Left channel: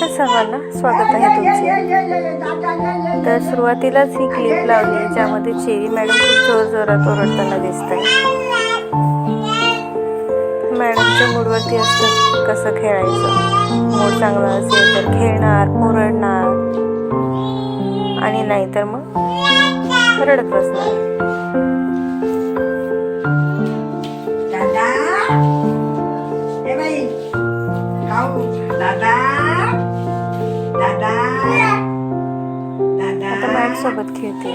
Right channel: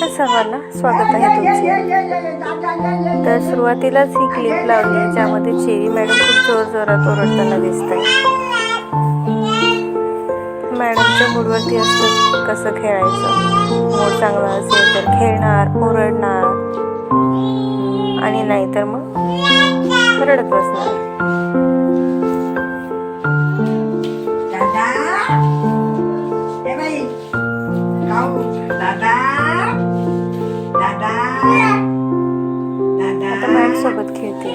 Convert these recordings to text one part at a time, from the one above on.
नमस्कार सर्वांना, स्वागत आहे तुमचे। तर सुरुवातीलाच ही क्लिप लावली ज्यामध्ये चेरी मॅडम खूप जोरात ओरडताना दिसतंय। मॅडमच्या मूडवरती असतं कसं खेळायचं। मूड चांगला असेल तर खेळणार, ओरडणार आणि नाही तर मग रडत बसणार। आता मॅम सोबत खेळते।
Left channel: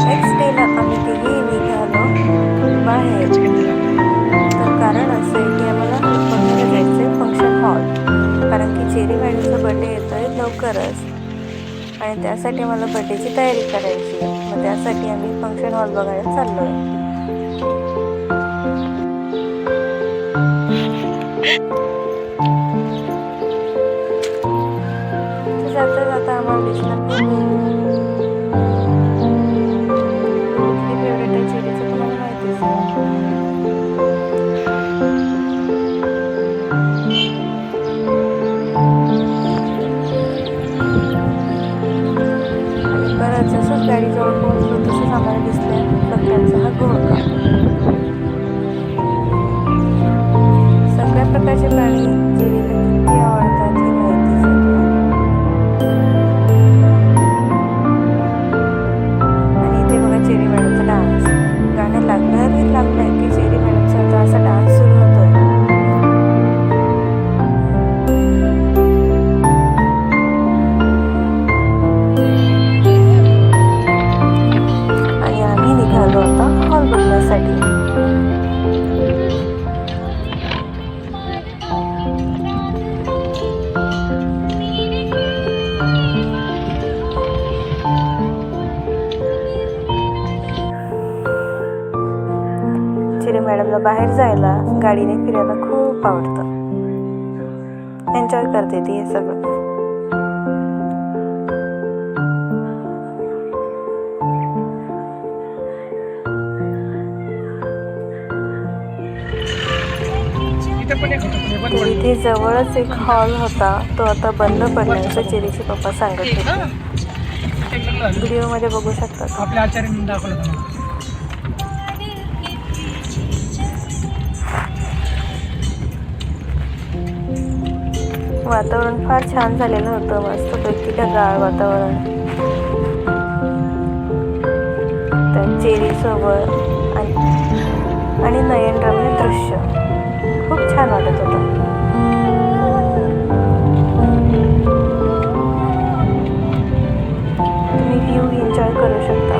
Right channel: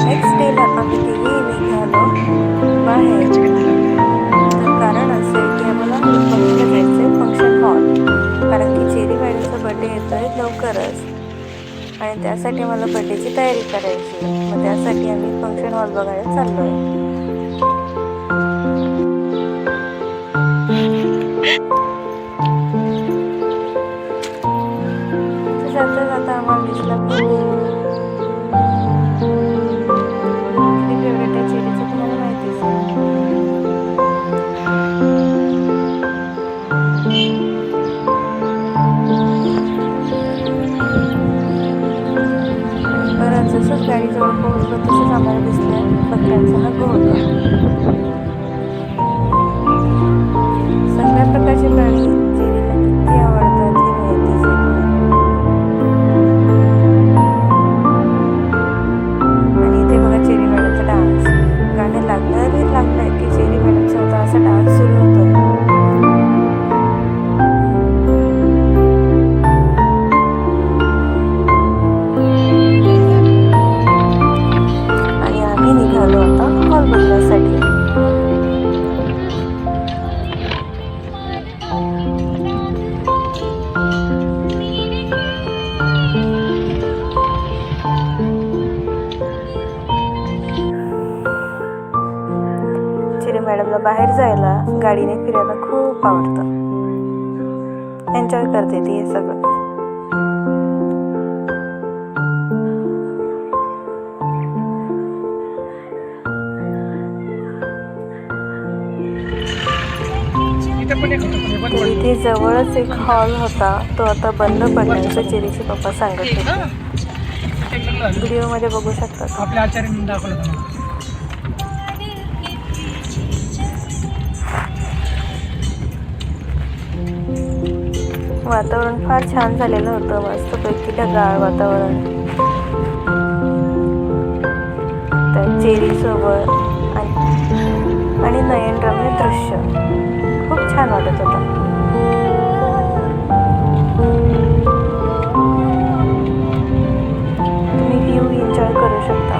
नेक्स्ट डेला आम्ही तिघी निघालो बाहेर। तर कारण असं आहे की आम्हाला बघायला जायचं आहे फंक्शन हॉल, कारण की चेरी मॅडमचा बड्डे येतोय लवकरच आणि त्यासाठी मला बड्डेची तयारी करायची आहे। मग त्यासाठी आम्ही फंक्शन हॉल बघायला चाललो आहे। जाता जाता आम्हाला दिसला किती फेवरेट आहे चेरीचं तुम्हाला माहितीच आहे। आणि परत जसंच गाडीजवळ पोहोचलो तसंच आम्हाला दिसल्या बकऱ्यांचा हा घोळका। सगळ्या प्रकारचे प्राणी चेरीला किती आवडतात हे माहितीच आहे तुम्हाला। आणि इथे बघा चेरी मॅडमचा डान्स, गाणं लागलंय की चेरी मॅडमचा आता असा डान्स सुरू होतोय। आणि आम्ही निघालो आता हॉल बघण्यासाठी। चेरी मॅडमला बाहेर जायला, गाडीने फिरायला खूप आवडतं। एन्जॉय करते ती हे सगळं। तर इथे जवळच एक हॉल होता, तो आता बंद पडल्याचं चेरीचे पप्पा सांगत होते। व्हिडिओमध्ये बघू शकता आपल्या आचार्यांनी दाखवलं। वातावरण फार छान झालेलं होतं, मस्तपैकी ढगाळ वातावरण। त्या चेरी सोबत आणि नयनरम्य दृश्य खूप छान वाटत होतं। तुम्ही व्ह्यू एन्जॉय करू शकता।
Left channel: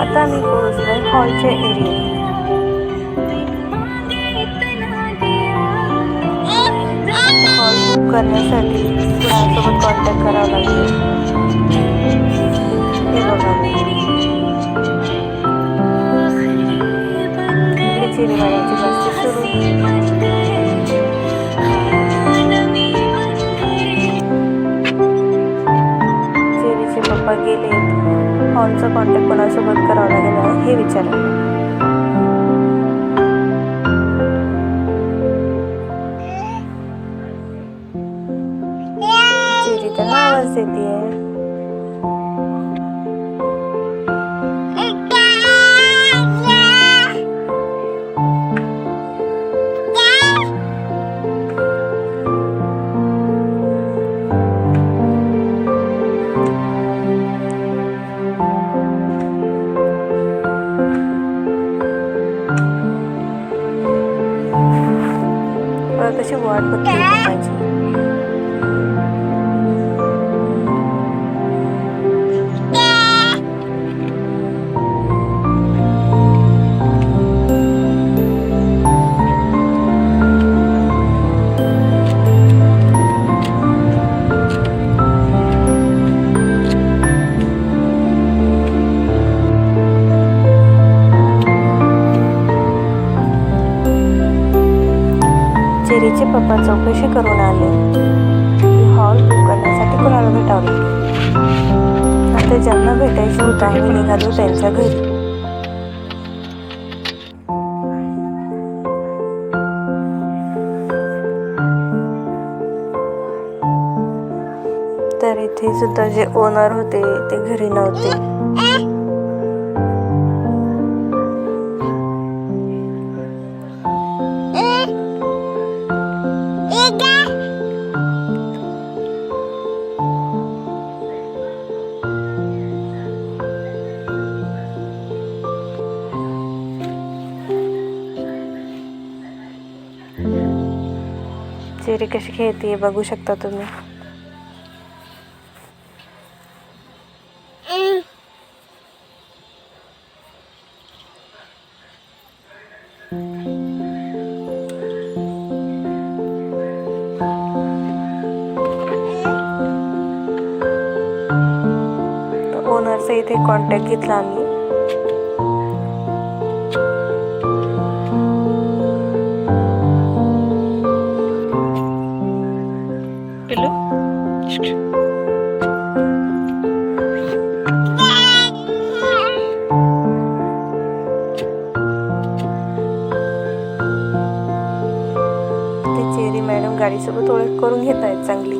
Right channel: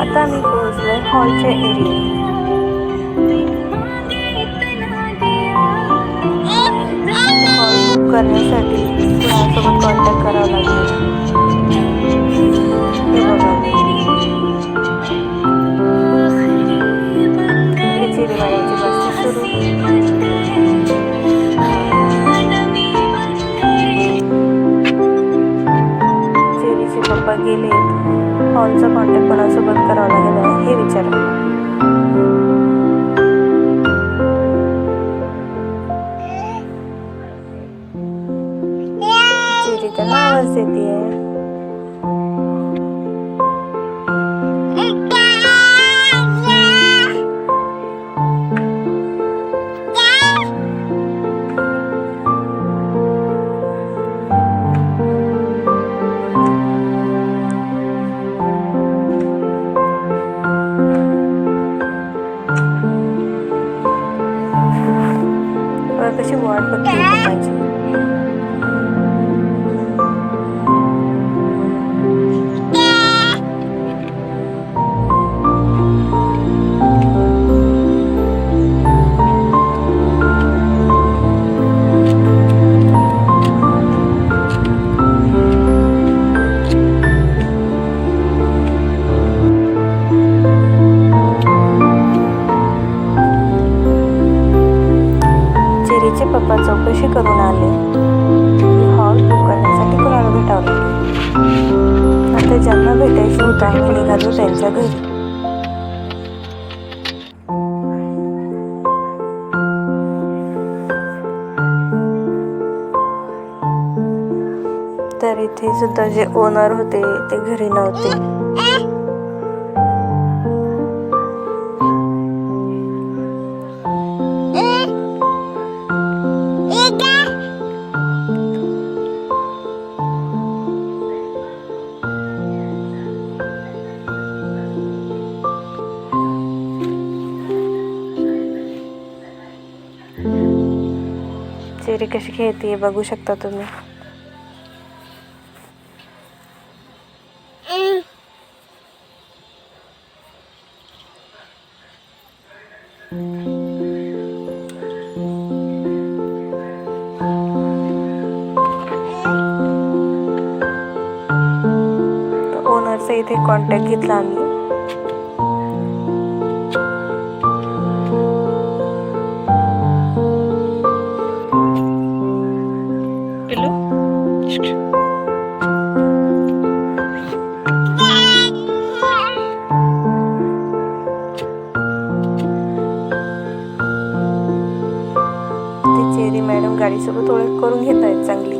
आता मी पोहोचलोय हॉलच्या एरियात। हॉल बुक करण्यासाठी कुणासोबत कॉन्टॅक्ट करावा लागेल हे बघा। चेरी मॅडमची मस्ती सुरू। चेरीचे पप्पा गेलेत, हॉलचा कॉन्टॅक्ट कोणासोबत करावा लागेल हे विचारायला। चेरी त्यांना आवाज देते। कशी वाट बघते पप्पांची। पप्पा चौकशी करून आले की हॉल बुक करण्यासाठी कोणाला भेटावं लागेल. आता ज्यांना भेटायचं होतं आम्ही निघालो त्यांच्या घरी. तर इथे सुद्धा जे ओनर होते ते घरी नव्हते. चेरी कशी खेळते बघू शकता तुम्ही. ओनरचा इथे कॉन्टॅक्ट घेतला आम्ही. ते चेरी मॅडम गाडीसोबत ओळख करून घेत आहेत चांगली.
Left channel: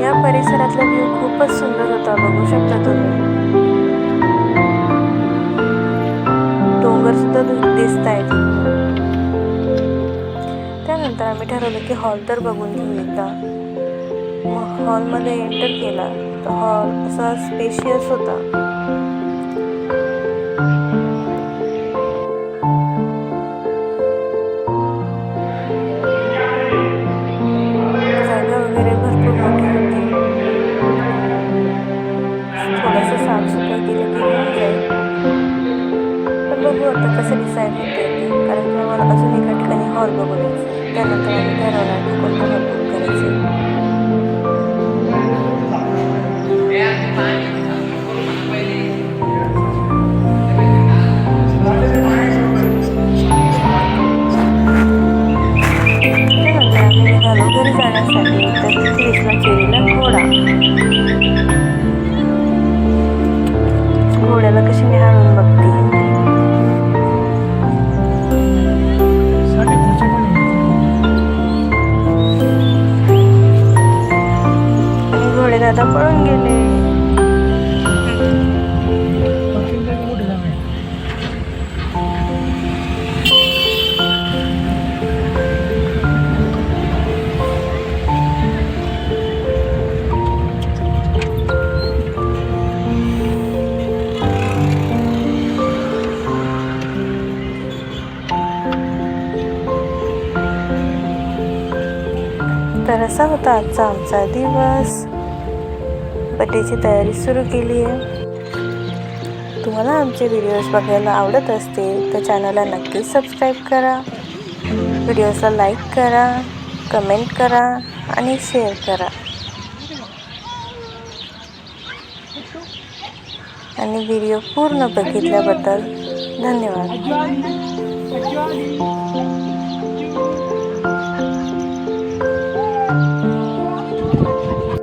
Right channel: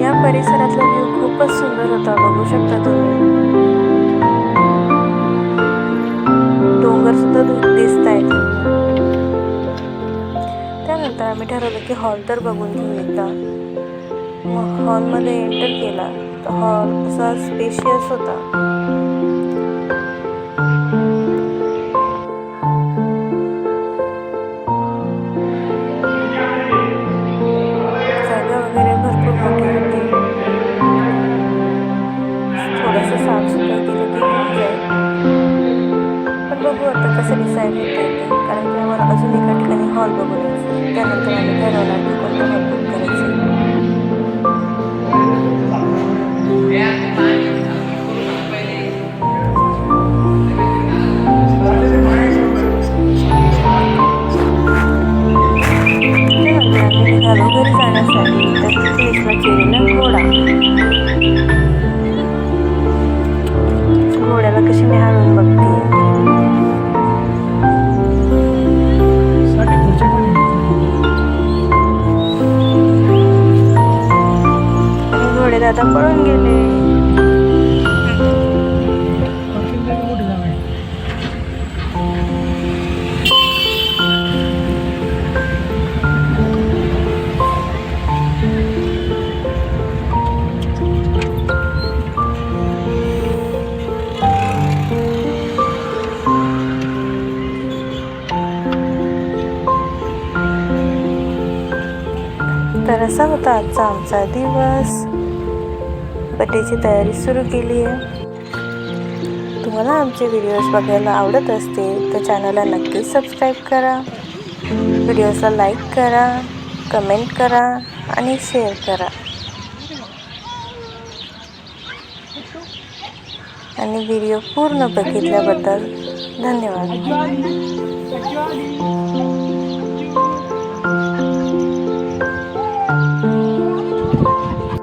या परिसरातला व्ह्यू खूपच सुंदर होता बघू शकता तुम्ही. डोंगर सुद्धा दिसत आहेत. त्यानंतर आम्ही ठरवलं की हॉल तर बघून घेऊ एकदा. मग हॉलमध्ये एंटर केला तर हॉल असा स्पेशियस होता. जागा वगैरे भरपूर मोठी होती. थोडंसं साफसफाई केलं की होऊन जाईल. पण बघू आता कसं डिसाईड होतं ते, कारण की आम्हाला अजून एका ठिकाणी हॉल बघून यायचं. त्यानंतर आम्ही ठरवला की कोणता हॉल बुक करायचं. त्यानंतर आम्ही निघालो घरी जाण्यासाठी. तर तिथे दिसला चेरीला घोडा. घोड्याला कशी निहाळून बघते. आणि घोडे दादा पळून गेले. तर असा होता आजचा आमचा दिवस. बड्डेची तयारी सुरू केली आहे. तुम्हाला आमचे व्हिडिओज बघायला आवडत असतील तर चॅनलला नक्कीच सबस्क्राईब करा. व्हिडिओजला लाईक करा, कमेंट करा आणि शेअर करा. आणि व्हिडिओ पूर्ण बघितल्याबद्दल धन्यवाद.